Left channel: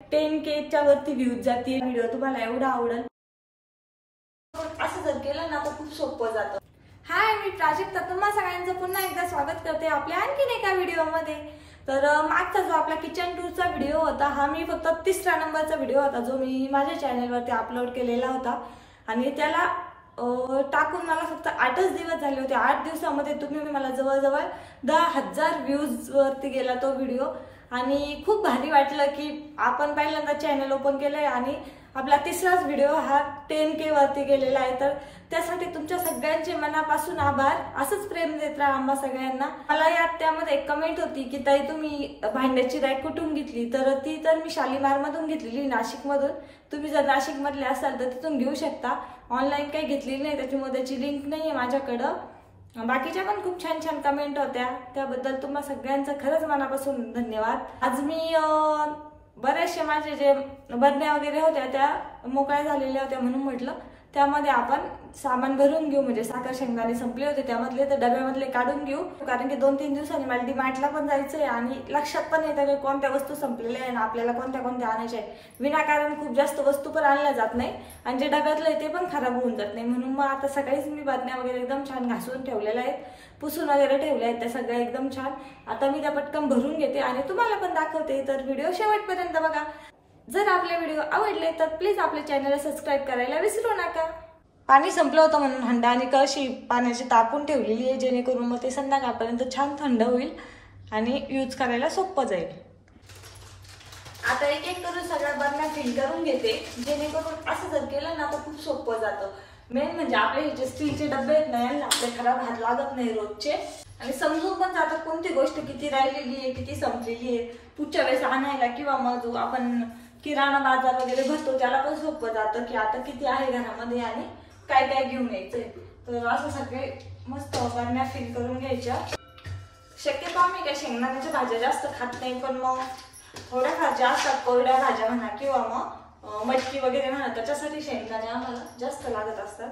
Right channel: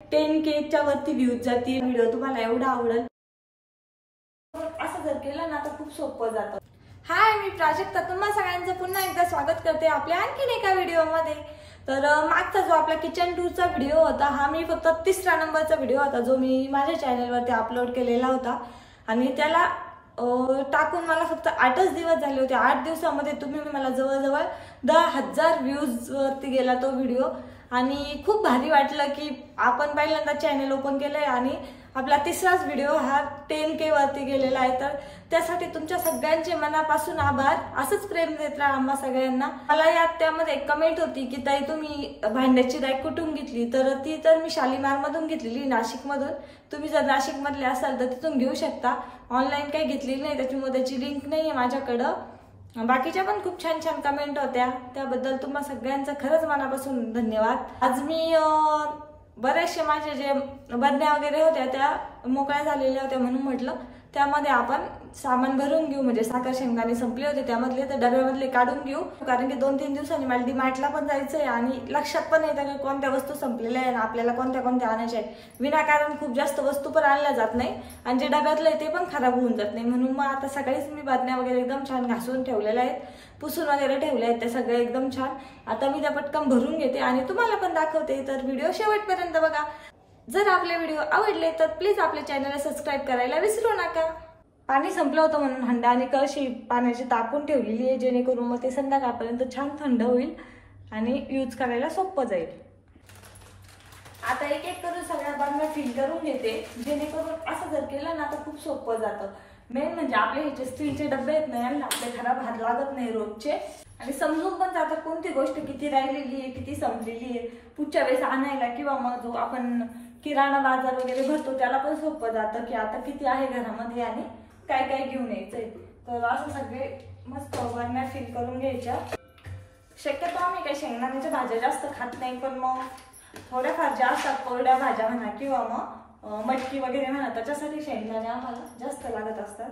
10K च्या वरती views जातील. व्हिडिओ तुम्हाला एवढा आवडेल असं जर केलं ना तर खूप सोपं जातं. हाय, मी प्राजक्ता तुम्हा सगळ्यांचं पुन्हा एकदा स्वागत करते आपल्या आणखीन एका व्हिडिओमध्ये. तर मागचा जो आपला किचन टूरचा व्हिडिओ होता हा मी फक्त 3रा नंबरचा व्हिडिओ होता जो मी माझ्या चॅनलवरती अपलोड केलेला होता आणि त्याला टाकून मला फक्त 8च दिवस झाले होते. 8 दिवसामध्ये तुम्ही मला जवळजवळ 10,000 व्ह्यूज वरती गेला तो व्हिडिओ आणि खूप भारी वाटलं की आपण पहिल्यांदा चॅनल ओपन केलंय आणि आपला 3राच व्हिडिओ हा 10K वरती गेलेला आहे. तर त्यासाठी तुमच्या सगळ्यांचे मनापासून आभार. असंच प्रेम देत राहा आम्हा सगळ्यांना. मला यात त्यामध्ये एक कमेंट होती की ताई तुम्ही भांड्याची रॅक कुठून घेतली, तर ती तर मी शालीमार मधून घेतलेली, नाशिक मधून. तुम्ही जर नाशिक मधले असाल तर तिथून घेऊ शकता. ऑनलाईन काही घेतलेली नाही, त्याच्यामुळे त्याची लिंक नाहीये माझ्याकडं. बाकीच्या पण खूप छान छान कमेंट होत्या, त्याबद्दल तुम्हा सगळ्यांचं खरंच मनापासून धन्यवाद. आज मी बरेचसे माझे जे बरण्या वगैरे होत्या त्या मोकळ्या झालेल्या होत्या म्हणून म्हटलं त्यामध्ये आपण सामान भरून घेऊ. म्हणजे साखर शेंगदाणे संपले होते त्यामधले, तर डब्यामधले काढून घेऊ. कारण की 2-3 दिवसांनी मला डीमार्टला पण जायचंय आणि लक्षात पण येतं की कोणत्या वस्तू संपलेल्या आहे आणि आपल्याला कोणत्या कोणत्या आणायच्या आहे. विनाकारण खूप जास्त वस्तू पण आणल्या जात नाही आणि जे डब्यातलं आहे ते पण खराब होऊन जात नाही. म्हणून मग आता सकाळीच मी बरण्या वगैरे एकदम छान घासून ठेवलेल्या आहेत, पुसून वगैरे ठेवल्या आहेत त्या सगळ्या एकदम छान. आता मी त्या पटकन भरून घेते आणि तुम्हाला पण दाखवते. तर व्हिडिओ शेवटपर्यंत बघा. जर आपले व्हिडिओ आवडले तर प्लीज आपल्या चॅनलला सबस्क्राईब करायला विसरू नका. पाणी संपलं होतं म्हणून हंडा आणि कळशी पाण्याची तापून ठेवलेली आहे, जेणेकरून मग ते संध्याकाळपर्यंत छान थंड होईल आणि यूज करायला सोपं जाईल. आता एक एक करून सगळ्या बरण्या फिल करून घेते, जेणेकरून असं जर केलं ना तर खूप सोपं जातं. मेन म्हणजे आपले हे जे स्टीलचे डबे आहेत ना यांना आपले खराब हात लागत नाही रोजचे आणि समजून पण जातात कोणती गोष्ट किती राहिलेली आहे, किती संपलेली आहे. पुढच्या वेळेस आणायला किंवा मग जो आपण किराणा बाजार वगैरे भरतो त्याला पण सोपं जातं की आता किती आहे घरामध्ये आणि काय काय घेऊन यायचंय. तर असं सगळे मस्त बरण्या फिल करून घ्यायच्या. शक्यतो आम्ही काही शेंगदाण्याच्या भाज्या जास्त खात नाही, पण मग थोड्याफार ज्या असतात कोरड्या भाज्या म्हणा किंवा मग मटकी वगैरे म्हणा त्याच्यासाठी शेंगदाणे आम्हाला जास्त लागत असतात.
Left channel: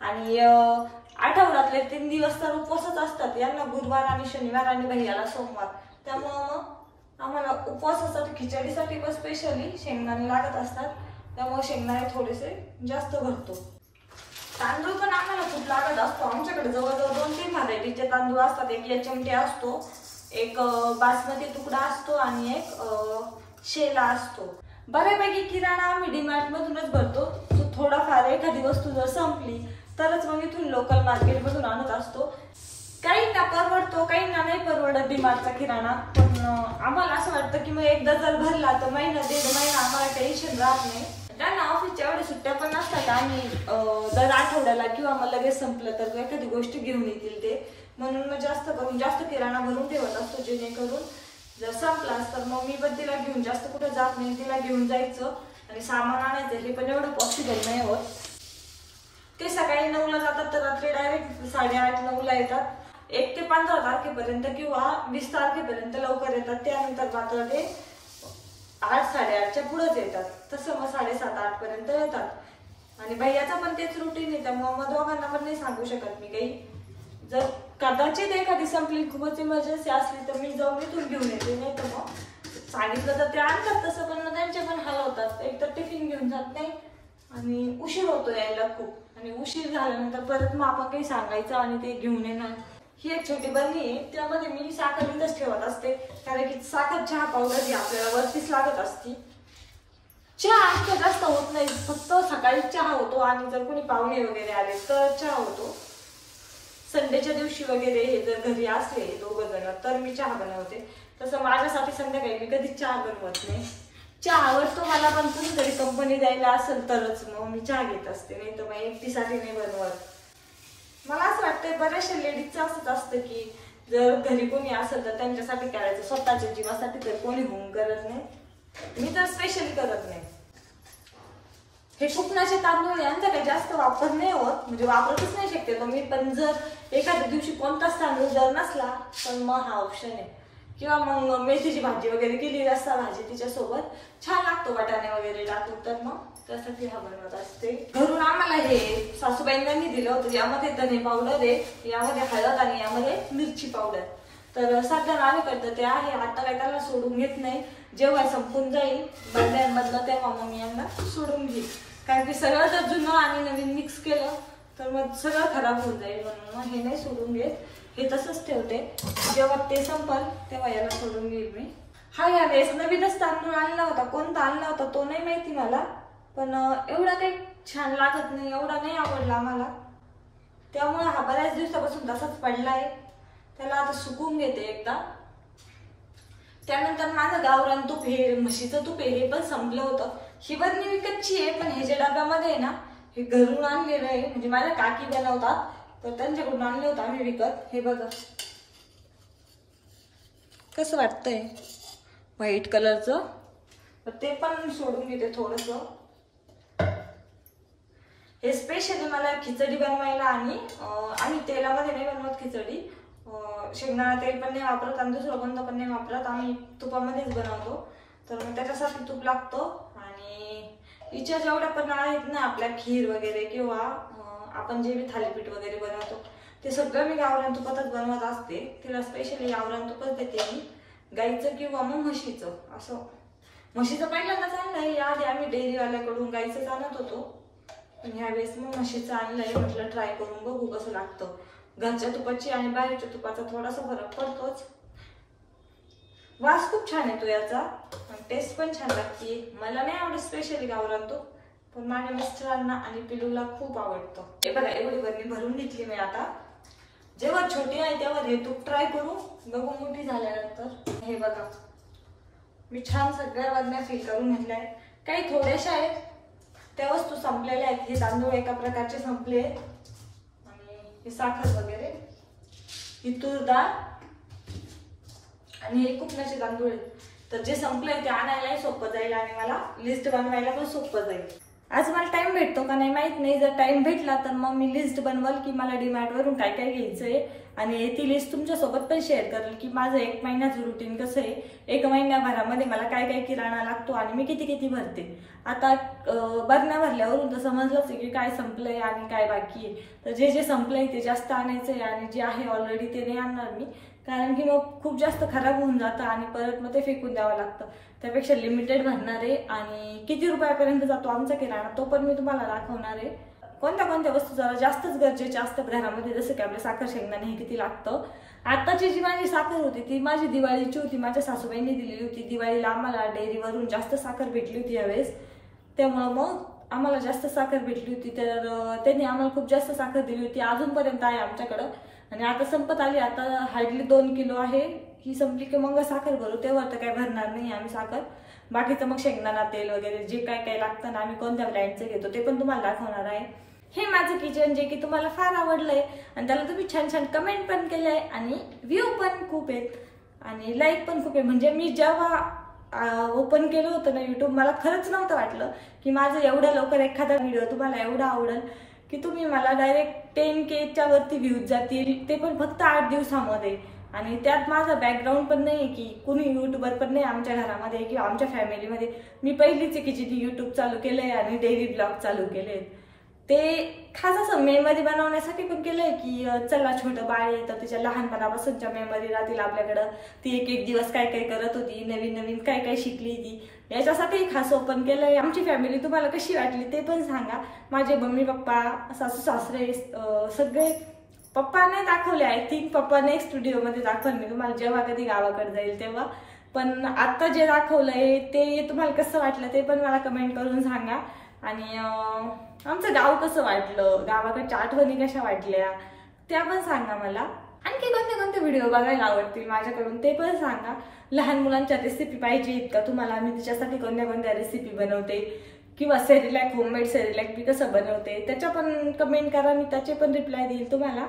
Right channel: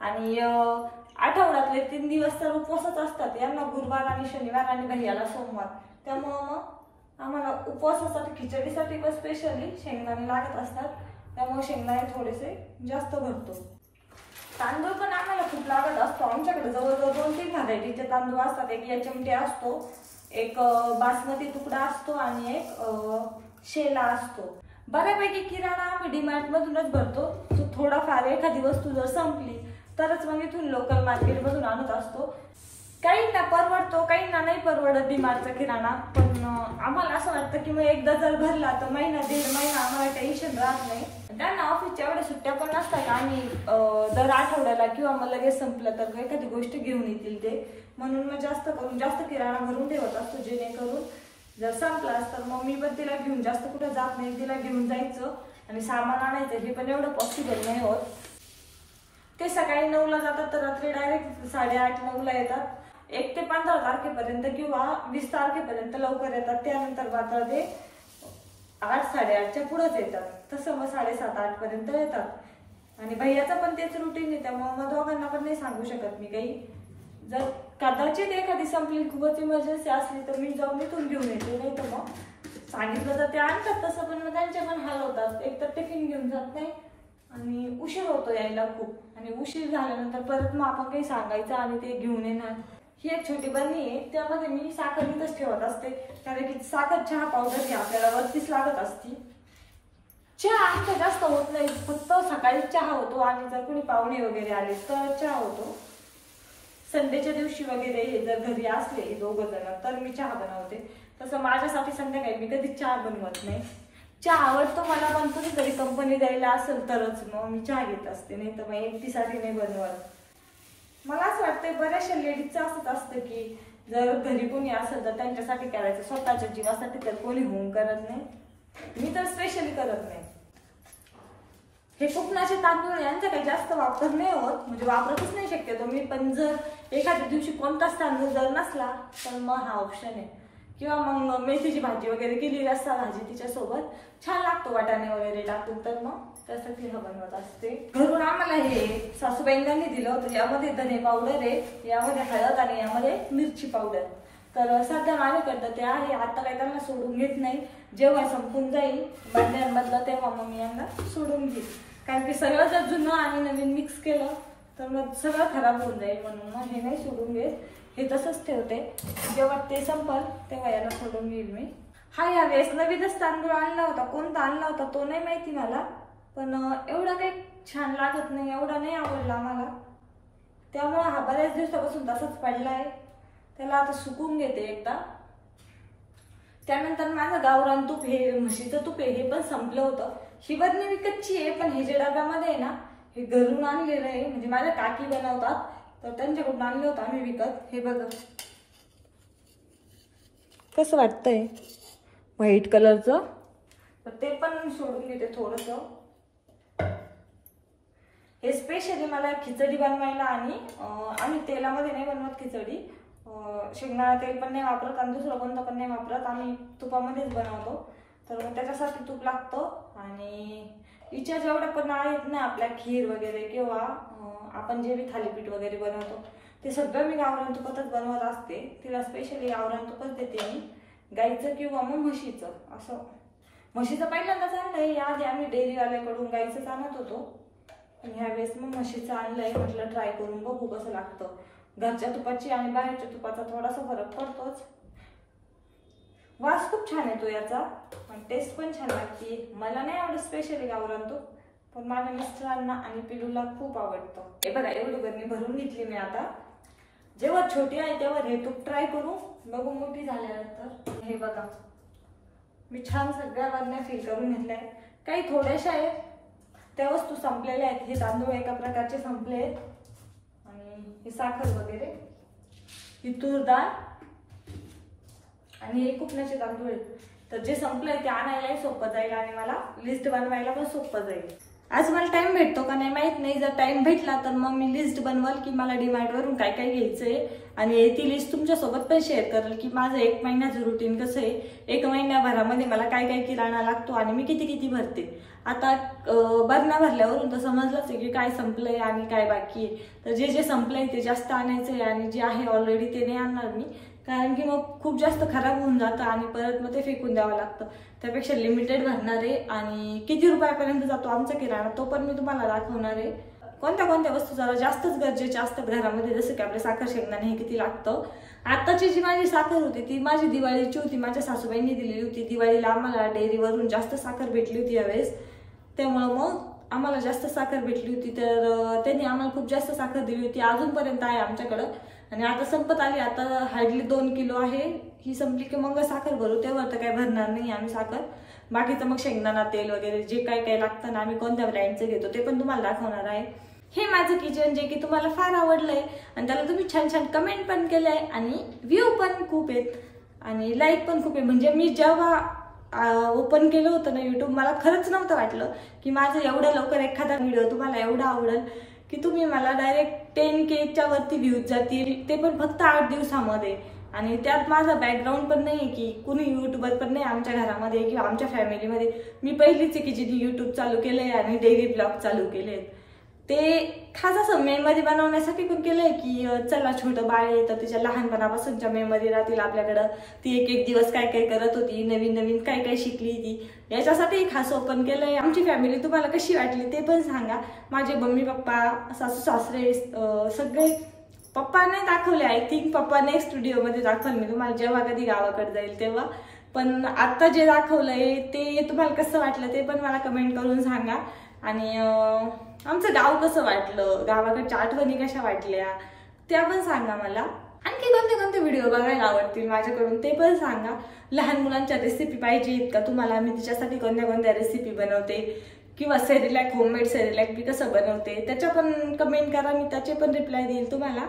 आणि आठवड्यातले 3 दिवस तर उपवासच असतात. यांना गुरुवार आणि शनिवार आणि भैयाला सोमवार. त्यामुळं मग आम्हाला उपवासासाठी खिचडीसाठी पण स्पेशली शेंगदाणे लागत असतात. त्यामुळे शेंगदाणे थोडेसे जास्त भरतो. तांदूळ पण आम्हाला खूप लागत असतो. आमच्याकडे जवळजवळ 2-3 व्हरायटीचे तांदूळ असतात. एक एचएमटी असतो, एक बासमती तुकडा असतो आणि एक शेला असतो. बऱ्यापैकी किराणा आम्ही डीमार्ट मधूनच भरतो. थोडाफार एखादी वस्तू जर संपली तरच मग इथून लोकल मार्केट मधून आणत असतो. काहींना परवडतो, काहींना नाही परवडत डीमार्टचा किराणा. पण आम्हाला असं वाटतं की मग एकदा जर भरला तर महिना 1.5 महिना आम्हाला टेन्शन राहत नाही. त्यांना ऑफिसच्या एवढ्या सुट्ट्या पण असतात आणि दर आठवड्याला किंवा मग लगेच संपलं तर एखादी गोष्ट घेऊन येतील ते. म्हणून मग जास्त करून जास्त किराणा भरून ठेवत असतो, जेणेकरून जर संपलास तर मग मी पण तिला घेऊन जास्त कुठे जात नाही. तिला घेऊन जायचं आणि सामान आणायचं हे पण एवढं पॉसिबल नाही होत. ते सकाळी 9ला जातात तर रात्री डायरेक्ट 8:30-9ला येतात. 1 ते 15 तारखेपर्यंत किंवा 20 तारखेपर्यंत लवकर येतात. त्यानंतर मात्र ते 8-8:30च्या पुढेच येतात. तसं मग 7:30-8 पर्यंत येतात. आणि भैयाचा पण तेच रुटीन आहे, त्यामुळे मग दोघांना पण नाही सांगू शकत मी काही. जर कदाचित एखादी संपली खूपच इमर्जन्सी असली तर मी जाऊन इथून घेऊन येते, नाही तर मग सांगितलं तर ते आणतात तसं. पण मग त्यांच्या पण हाल होतात. एक तर टिफिन घेऊन जात नाही आणि उशीर होतो यायला खूप. आणि उशीर झाल्यानंतर परत मग आपण काही सांगायचं आणि ते घेऊन येणार. ही एक छोटी बरणी आहे, त्यामध्ये मी साखर इथंच ठेवत असते. कारण की साखर चहा पावडर ही आपल्याला वरतीच लागत असते. चहा आमचा जास्त होत नाही, फक्त सकाळी चहा होतो आणि जर कोणी पाहुणे वगैरे आले तर चहा होतो. संडेच्या दिवशी वगैरे हे जर घरी असले 2 जण तर मी चहा बनवते. तसं माझ्यासाठी संध्याकाळी मी कधीच चहा बनवत नाही. चहा आवडतो मला, पण कुणीतरी कंपनी द्यायला असेल तरच मग मी चहा घेत असते, नाही तर मग एकटीसाठी नाही बनवत. मला असं वाटतं बऱ्याचशा लेडीजचं असंच असतं की जर घरी कोणी असेल तर त्यांच्यासाठी करायचं, स्वतःच्या जीवासाठी तर कोणी होऊन करत नाही. मी तर स्पेशली करत नाही. हे कुपनाचे तांदूळ यांचा काही जास्त वापर नाही होत, म्हणजे वापरतच नाही शक्यतो मी. पण जर एखाद्या दिवशी कोणताच तांदूळ जर नसला तर मग हा ऑप्शन आहे. किंवा मग मेथीची भाजी वगैरे केली, रस्सा भाजी तिच्यासोबत छान लागतो वाटाणे वगैरे टाकून, तर मग त्यासाठी हा बनवत असते. घरून आम्हाला हे सासूबाईंनी दिलं होतं. यामध्ये धने पावडर आहे, यामध्ये हळद आणि यामध्ये मिरची पावडर. तर सध्या आम्ही करतो ते आहे. आता काय त्याला सोडून घेत नाही. जेव्हा संपून जाईल बादल्यांमधलं तेव्हा मग मी यांना सोडून घेईल, कारण की सगळं जर जुनं आणि नवीन मिक्स केलं तर मग सगळं खराब होऊन जाईल, म्हणून मग हे नाही सोडून घेत, हे तसंच ठेवते. जेव्हा ते संपल तेव्हा याला सोडून घेईल मी. हा या वेळेस नवीनच तांदूळ आणला होता, कोणता आणला होता तो नाही माहिती मला, पण एवढा काही छान लागत नाही, एवढा नाही आवडला मला, त्यामुळे हा बऱ्याच दिवसापासून तसाच पडला आहे. त्याला आता सुकवून घेते एकदा. त्यानंतर माझं गावरान तूप, हे म्हशीचं तूप आहे, हे पण संपलं होतं. ही बरणी विकतची आहे, पण हे जे डब्यामध्ये आहे ना हे घरून आणलेलं आहे, म्हणजे माझ्या काकी बनवतात तर त्यांच्याकडून आणलं होतं आम्ही विकत. हे बघा कसं वाटतंय व्हाईट कलरचं, तर ते पण सोडून घेते थोडस. हे स्पेशली मला खिचडी बनवायला, आणि आम्ही तेलामध्ये नाही बनवत खिचडी, शेंगदाणा तेल पण नाही वापरत आणि दुसरं कोणतं पण नाही वापरत, आम्ही तुपामध्येच बनवतो. तर मग त्याच्यासाठी तूप लागतं. आणि हिच्या जेवढ्या पण आहेत ना आपल्या खीर वगैरे किंवा आपण जे बी थालीपीठ वगैरे बनवतो ते सगळं मी गावरान तुपातच बनवत असते. तिला स्पेशली गावरान तुपच देते मी, गाईचं किंवा मग म्हशीचं. असं म्हशीचं पहिल्यांदाच आणलंय, याआधी आम्ही डेअरीवाल्याकडून गाईचंच आणत होतो, पण ह्यावेळेस मग म्हशीचं आणलंय. म्हटलं ट्राय करून बघू कसं लागतं. घरच्या तुपाची आणि बाहेरच्या तुपाचा थोडासा फरक पडतोच. वास खूप छान येतो याचा, टेस्ट पण छान लागते. मला नाही आवडत स्पेशली गावरान तूप, पण माझ्या मिस्टरांना आणि पिलूला खूप आवडतं. हे बघा एवढी बरणी भरून घेतली मी. आता जेव्हा छोटी आहे तेव्हा हे तूप ट्राय करू, बघू मोठी झाल्यानंतर. हे बघा मी छान सगळ्या बरण्या फिल करून घेतल्या आहेत. काही थोड्याशा आहेत त्या वस्तू संपलेल्या आहेत. हे तांदूळ एका प्रकारचे संपले आहेत, आणि ही साखर वगैरे, ही तूर डाळ आणि हे कुकण्याचे तांदूळ आहेत. तर जे संपलंय ते आणायलाही सोपं जाईल आणि मला लिस्ट बनवायला पण सोपं जाईल. आज मला टाइम भेटतो का नाही माहित नाही, जर टाइम भेटला तर मग मी लिस्ट बनवल की मला डीमार्टवरून काय काय घ्यायचंय, आणि ती लिस्ट तुमच्यासोबत पण शेअर करेल की माझं 1 महिन्याचं रुटीन कसं आहे, 1 महिन्याभरामध्ये मला काय काय किराणा लागतो आणि मी किती किती भरते. आता बरण्या भरल्यावरून तर समजलंच आहे की काय संपलंय आणि काय बाकी आहे. तर जे जे संपलंय ते जास्त आणायचंय, आणि जे आहे ऑलरेडी ते नाही आणणार मी, कारण की मग खूप जास्त खराब होऊन जातं आणि परत मग ते फेकून द्यावं लागतं. त्यापेक्षा लिमिटेड भरणार आहे. आणि किती रुपयापर्यंत जातो आमचा किराणा तो पण मी तुम्हाला दाखवणार आहे. कोणत्या कोणत्या वस्तू जरा जास्तच गरजेच्या असतात घरामध्ये, जसं की आपल्या साखर शेंगदाणे हे किती लागतं. आताची जी माझी साखर होती ती माझी दिवाळीची होती, माझ्या सासूबाईंनी दिलेली होती. दिवाळीला आम्हाला डेअरीवरून जास्त साखर भेटली होती यावेळेस, त्यामुळं मग आम्हाला जास्त साखर भेटली होती. तर त्यांनी आम्हाला खूप जास्त साखर दिली होती, अजूनपर्यंत आहे आमच्याकडं. आणि आता संपत आली, आता हार्डली 2 किलो आहे. ही संपली की मग साखर भरू, तेव्हा तर काय भरणार नाही आम्ही साखर. बाकीचं मग शेंगदाणा तेल वगैरे जे काय काय लागतं ना, आम्ही कोणत्या ब्रँडचं घेतो ते पण तुम्हाला दाखवणार आहे. हे माझं किचन जे की तुम्हाला फार आवडलंय, आणि त्याला तुम्ही छान छान कमेंट पण केलंय, आणि व्ह्यू पण खूप आहेत आणि लाईक पण खूप आहे. म्हणजे मी जेव्हा ओपन केलं होतं ना यूट्यूब, मला खरंच नव्हतं वाटलं की माझं एवढं लवकर एखादा व्हिडिओ तुम्हाला एवढा आवडेल, की तुम्ही मला डायरेक्ट 10K वरती व्ह्यूज जातील, ते पण फक्त 8 दिवसामध्ये. आणि त्यात माझा बॅकग्राऊंड पण नाही आहे की कुणी यूट्यूबर पण नाही आमच्या घरामध्ये किंवा आमच्या फॅमिलीमध्ये. मी पहिलीच आहे की जिने यूट्यूब चालू केलंय आणि डेली ब्लॉग चालू केले. ते खास असं मेमरी बनवण्यासाठी पण केलंय की चला छोटं बाळ आहे तर तिच्या लहानपणापासूनच्या मेमरी राहतील आपल्याकडं, ती एक एक दिवस काय काय करत होती, नवीन नवीन काय काय शिकली ती, याच्यासाठी खास ओपन केलंय. आमची फॅमिली तुम्हाला कशी वाटली ते पण सांगा. माझे मम्मी पप्पा, सासू सासरे सगळे, पप्पा नाही दाखवले, आय थिंक पप्पा नेक्स्ट व्हिडिओमध्ये दाखवल मी तुम्हाला जेव्हा कधी गावाकडे जाईल तेव्हा. पण आता जे दाखवलंय ते तुम्हाला कसं वाटलं ते पण मला कमेंट करून सांगा. आणि आमचं गाव कसं वाटलं, गावाकडच्या आठवणी कशा वाटल्या त्या पण सांगा मला. आणखी कोणते कोणते व्हिडिओ बघायला आवडतील माझ्याकडून ते पण सांगा. लहान मुलांच्या रेसिपी पाहिजेत का तुम्हाला, मी तिच्यासाठी कोणत्या कोणत्या रेसिपी बनवते, किंवा सेरिलॅक, होममेड सेरिलॅक मी कसं बनवते त्याच्या पण कमेंट करा, मी त्याचे पण रिप्लाय देईल तुम्हाला.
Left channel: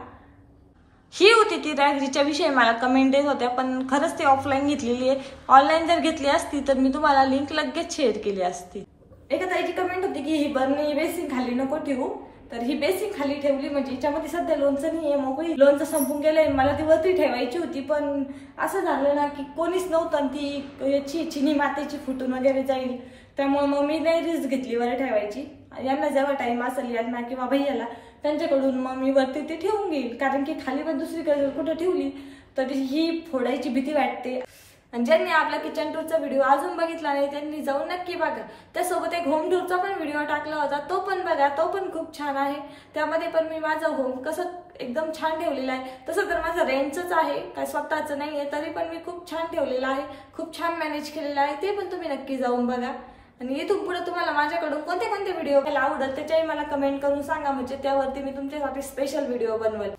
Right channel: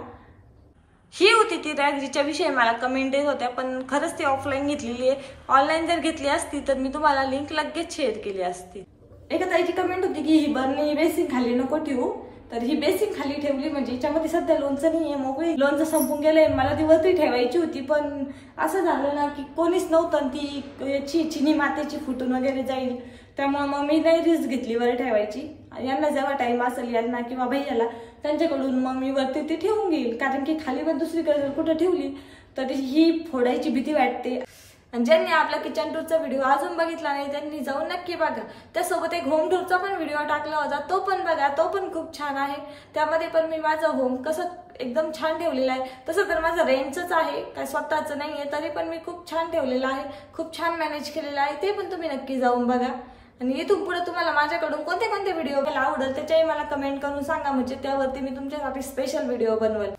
ही होती ती रॅक जिच्या विषयी मला कमेंट येत होत्या, पण खरंच ती ऑफलाईन घेतलेली आहे. ऑनलाईन जर घेतली असती तर मी तुम्हाला लिंक लगेच शेअर केली असती. एका ताईची कमेंट होती की ही बरणी बेसिंग खाली नको ठेवू, तर ही बेसिंग खाली ठेवली म्हणजे हिच्यामध्ये सध्या लोणचं नाही आहे, मोकळी लोणचं संपून गेलंय. मला ती वरती ठेवायची होती, पण असं झालं ना की कोणीच नव्हतं, ती याची चिनी मातेची फुटून वगैरे जाईल, त्यामुळे मग मी नाही रिस्क घेतली वर ठेवायची. यांना जेव्हा टाइम असेल यांना किंवा भैयाला त्यांच्याकडून मग मी वरती ती ठेवून घेईल, कारण की खाली पण दुसरीकडे कुठं ठेवली तर ही फोडायची भीती वाटते. आणि ज्यांनी आपला किचन टूरचा व्हिडिओ अजून बघितला नाही त्यांनी जाऊन नक्की बघा। त्यासोबत एक होम टूरचा पण व्हिडिओ टाकला होता, तो पण बघा, तो पण खूप छान आहे। त्यामध्ये पण मी माझं होम कसं एकदम छान ठेवलेलं आहे। तसं तर माझं रेंटचंच आहे, काय स्वतःचं नाहीये, तरी पण मी खूप छान ठेवलेलं आहे, खूप छान मॅनेज केलेलं आहे। ते पण तुम्ही नक्की जाऊन बघा। आणि इथून पुढे तुम्हाला माझ्याकडून कोणते कोणते व्हिडिओ आवडेल त्याच्याही मला कमेंट करून सांगा, म्हणजे त्यावरती मी तुमच्यासाठी स्पेशल व्हिडिओ बनवेल।